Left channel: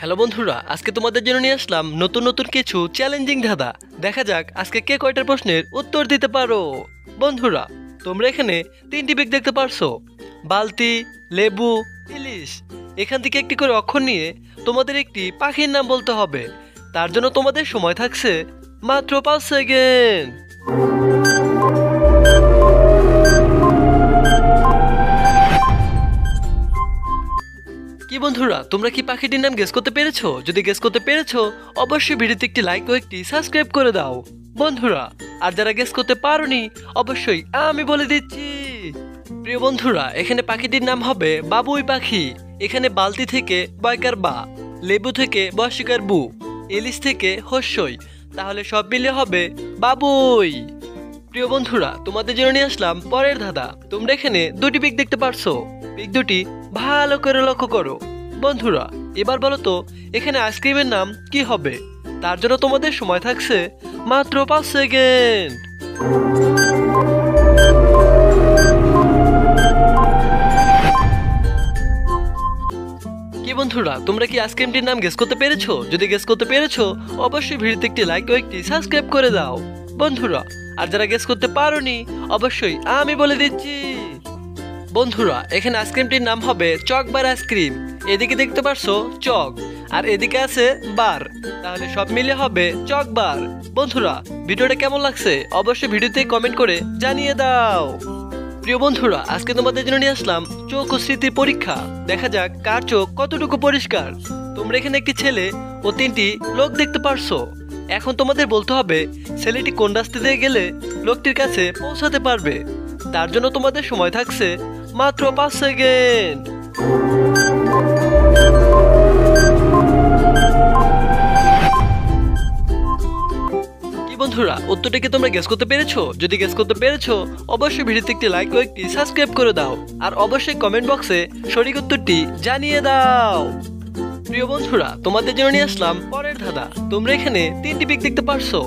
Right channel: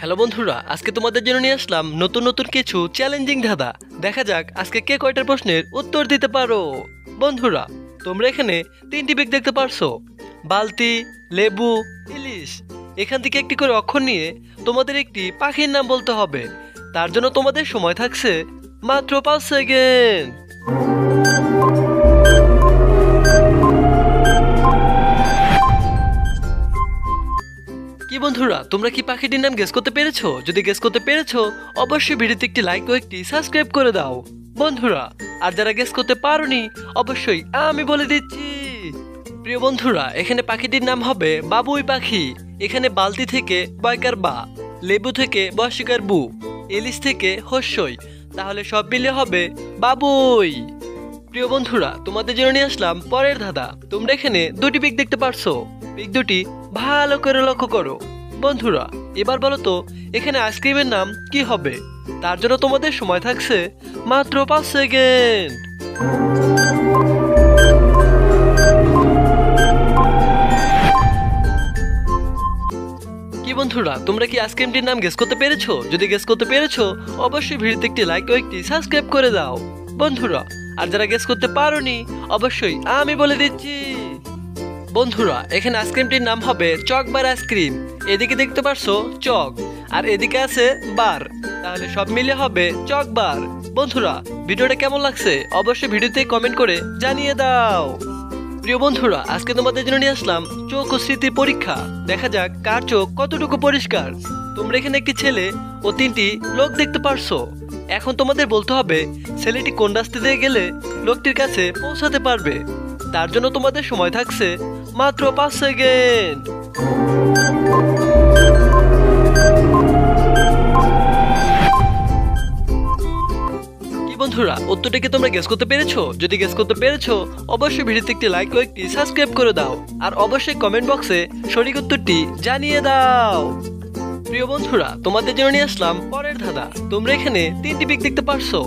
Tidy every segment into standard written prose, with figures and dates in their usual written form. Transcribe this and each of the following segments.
Hello বন্ধুরা, আজকে তোমাদের জন্য নিয়ে আসলাম নতুন নতুন কিছু চ্যালেঞ্জিং ধাঁধা। দেখা যাক আজকে কে কয়টার প্রশ্নের উত্তর দিতে পারো। বন্ধুরা, তোমরা এখানে তিনটি বেগ দেখতে পারছো: বালতি, লেবু, ইলিশ। এখান থেকে একটি করে অক্ষর নিয়ে তোমাদের একটি পাখির নাম বলতে হবে। তার জন্য তোমাদের সময় থাকছে মাত্র 5 সেকেন্ড। কি বন্ধুরা, তোমরা কি পাখিটির নাম গেস করতে পেরেছো? যদি গেস করতে পেরেছো, অবশ্যই ভিডিওতে একটি লাইক ও একটি সাবস্ক্রাইব করে দাও বন্ধুরা। আর যারা গেস করতে পারোনি, অবশ্যই আমি বলে দিচ্ছি। প্রিয় বন্ধুরা, এখানে পাখিটির নাম হবে বাবুই পাখি। এখানে বালতি থেকে বয়কার বা, লেবু থেকে বয়সিকার বু, ইলিশ থেকে হস্যই। তাহলে সব মিলে হবে বাবুই। প্রিয় বন্ধুরা, তোমাদের জন্য নিয়ে আসলাম পরের ধাঁধা। তোমরা এখানে দুটি পিক দেখতে পারছো। পিক দুটি ভালো করে লক্ষ্য করো বন্ধুরা। এবার বলো তো, এখানে আইসক্রিমের নাম কি হবে? তার জন্য তোমাদের সময় থাকছে মাত্র 5 সেকেন্ড। কি বন্ধুরা, তোমরা কি আইসক্রিমটির নাম গেস করতে পেরেছো? যদি গেস করতে পেরেছো, অবশ্যই ভিডিওতে একটি লাইক ও একটি সাবস্ক্রাইব করে দাও বন্ধুরা। আর যারা গেস করতে পারোনি, অবশ্যই আমি বলে দিচ্ছি। বন্ধুরা, এখানে আইসক্রিমটির নাম হবে চকবার আইসক্রিম। এদিকে দেখতে পারছো চক, আর এদিকে আছে বার। তাহলে সব মিলে হবে চকবার বন্ধুরা। ভিডিওটা কেমন লাগছে অবশ্যই ভিডিওতে কমেন্ট করে জানিয়ে দাও। প্রিয় বন্ধুরা, আজকে তোমাদের জন্য নিয়ে আসলাম চোখ ও স্মৃতির পরীক্ষা। দেখা যাক কার চোখ কতটুকু পরিষ্কার। তোমরা এখানে একটি ছেলে ও তিনটি লোক দেখতে পারছো। এখন তোমাদের বলতে হবে ছেলেটি কোন রাস্তা দিয়ে গেলে লোকটির কাছে পৌঁছাতে পারবে। তার জন্য তোমাদের সময় থাকছে মাত্র 5 সেকেন্ড। কি বন্ধুরা, উত্তরটা কি তোমরা গেস করতে পেরেছো? যদি গেস করতে পেরেছো, অবশ্যই ভিডিওতে একটি লাইক ও একটি সাবস্ক্রাইব করে দাও। আর অবশ্যই কমেন্ট বক্সে সঠিক উত্তরটি জানিয়ে দাও। প্রিয় বন্ধুরা, তোমাদের জন্য নিয়ে আসলাম পরের ধাঁধা। তোমরা এখানে তিনটি পিক দেখতে পারছো:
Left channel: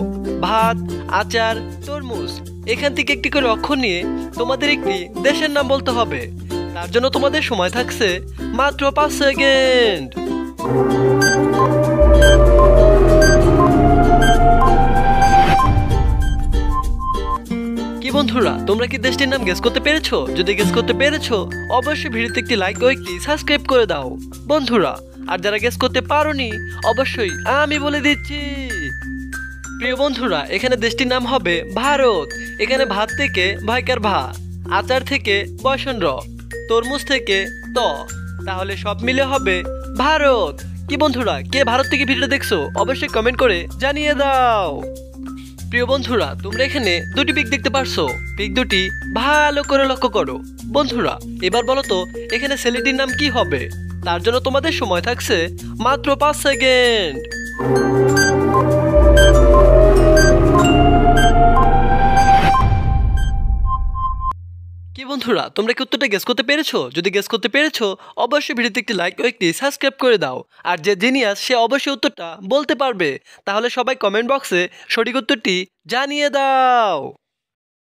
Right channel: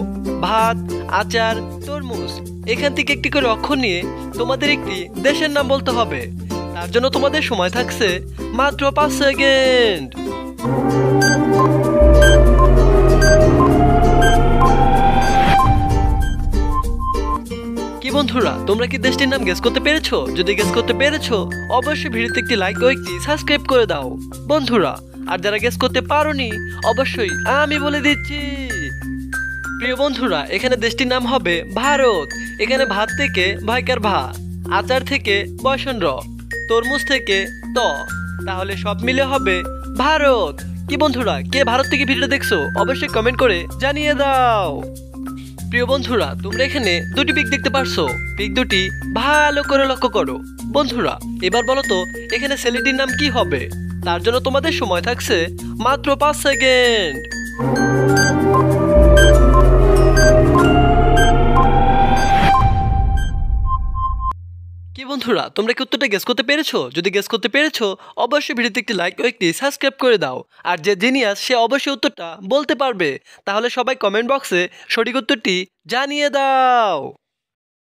ভাত, আচার, তরমুজ। এখান থেকে একটি করে অক্ষর নিয়ে তোমাদের একটি দেশের নাম বলতে হবে। তার জন্য তোমাদের সময় থাকছে মাত্র 5 সেকেন্ড। কি বন্ধুরা, তোমরা কি দেশটির নাম গেস করতে পেরেছো? যদি গেস করতে পেরেছো, অবশ্যই ভিডিওতে একটি লাইক ও একটি সাবস্ক্রাইব করে দাও বন্ধুরা। আর যারা গেস করতে পারোনি, অবশ্যই আমি বলে দিচ্ছি। প্রিয় বন্ধুরা, এখানে দেশটির নাম হবে ভারত। এখানে ভাত থেকে ভয়কার ভা, আচার থেকে বয়সন র, তরমুজ থেকে ত। তাহলে সব মিলে হবে ভারত। কি বন্ধুরা, কে ভারত থেকে ভিডিও দেখছো অবশ্যই কমেন্ট করে জানিয়ে দাও। প্রিয় বন্ধুরা, তোমরা এখানে দুটি পিক দেখতে পারছো। পিক দুটি ভালো করে লক্ষ্য করো বন্ধুরা। এবার বলো তো, এখানে ছেলেটির নাম কি হবে? তার জন্য তোমাদের সময় থাকছে মাত্র 5 সেকেন্ড। কি বন্ধুরা, তোমরা কি উত্তরটা গেস করতে পেরেছো? যদি গেস করতে পেরেছো, অবশ্যই ভিডিওতে একটি লাইক ও একটি সাবস্ক্রাইব করে দাও। আর যে জিনিয়াস সে অবশ্যই উত্তরটা বলতে পারবে। তাহলে সবাই কমেন্ট বক্সে সঠিক উত্তরটি জানিয়ে দাও।